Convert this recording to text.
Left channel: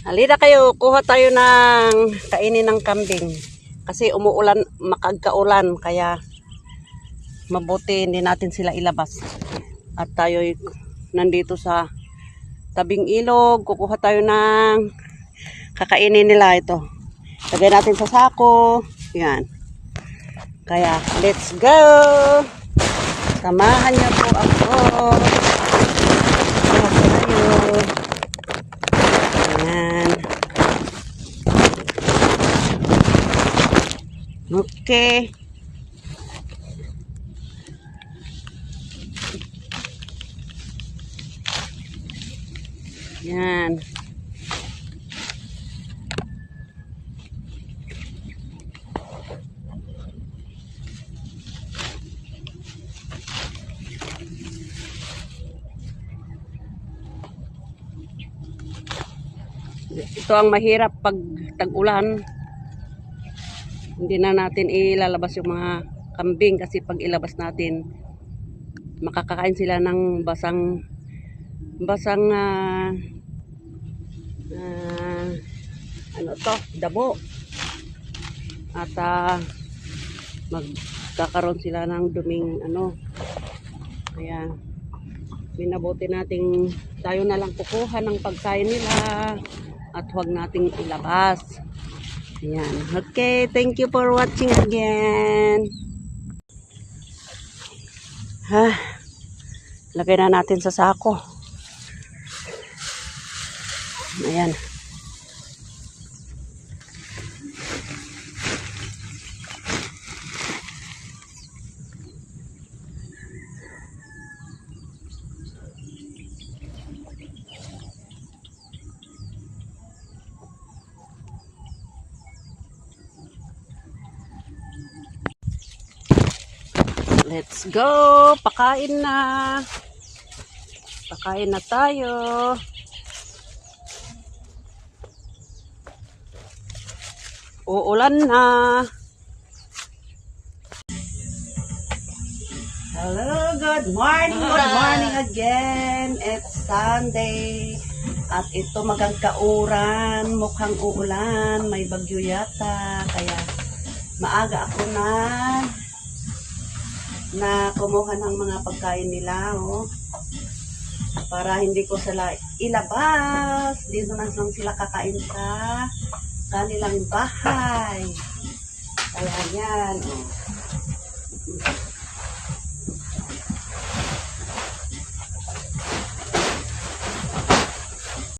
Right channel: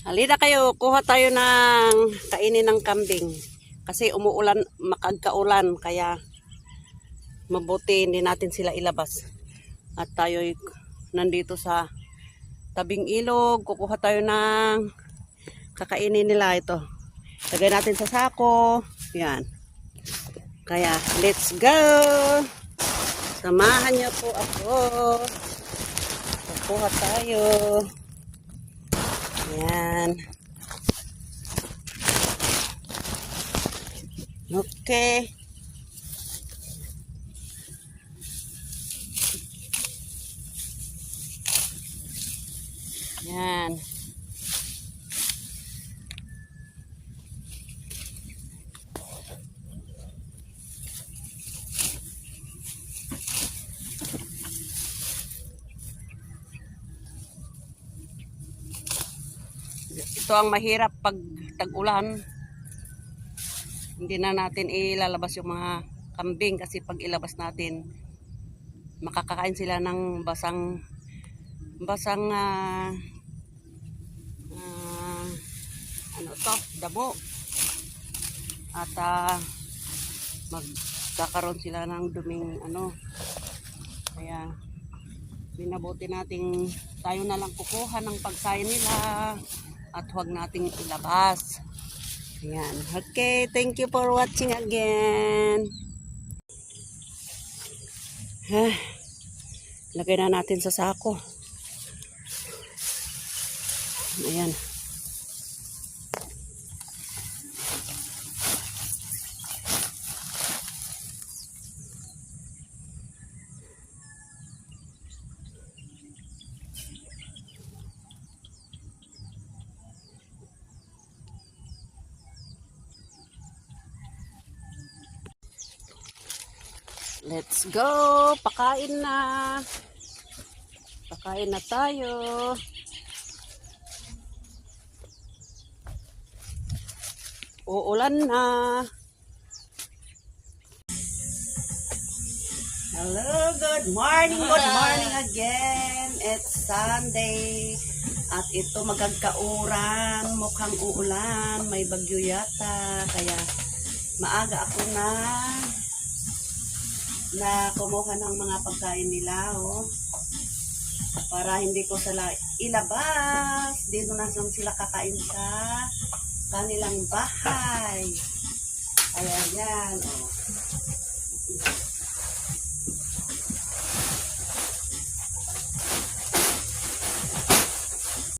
Halina kayo, kuha tayo ng kainin ng kambing. Kasi umuulan, makagkaulan, kaya mabuti hindi natin sila ilabas. At tayo nandito sa tabing ilog, kukuha tayo ng kakainin nila ito. Lagay natin sa sako. Yan. Kaya, let's go! Samahan niyo po ako. Kuha tayo. Yan. Okay. Yan. Ito ang mahirap pag tag-ulan. Hindi na natin ilalabas yung mga kambing kasi pag ilabas natin makakakain sila ng basang ano to, damo. At magkakaroon sila ng duming ano. Kaya minabuti nating tayo na lang kukuha ng pagkain nila at huwag nating ilabas. Yan. Okay, thank you for watching again. Lagay na natin sa sako. Ayan. Let's go! Pakain na! Pakain na tayo! Uulan na! Hello! Good morning! Good morning again! It's Sunday! At ito magkakauran, mukhang uulan, may bagyo yata, kaya maaga ako na kumuha ng mga pagkain nila, oh. Para hindi ko sila ilabas. Dito na lang sila kakain sa kanilang bahay. Kaya yan, oh.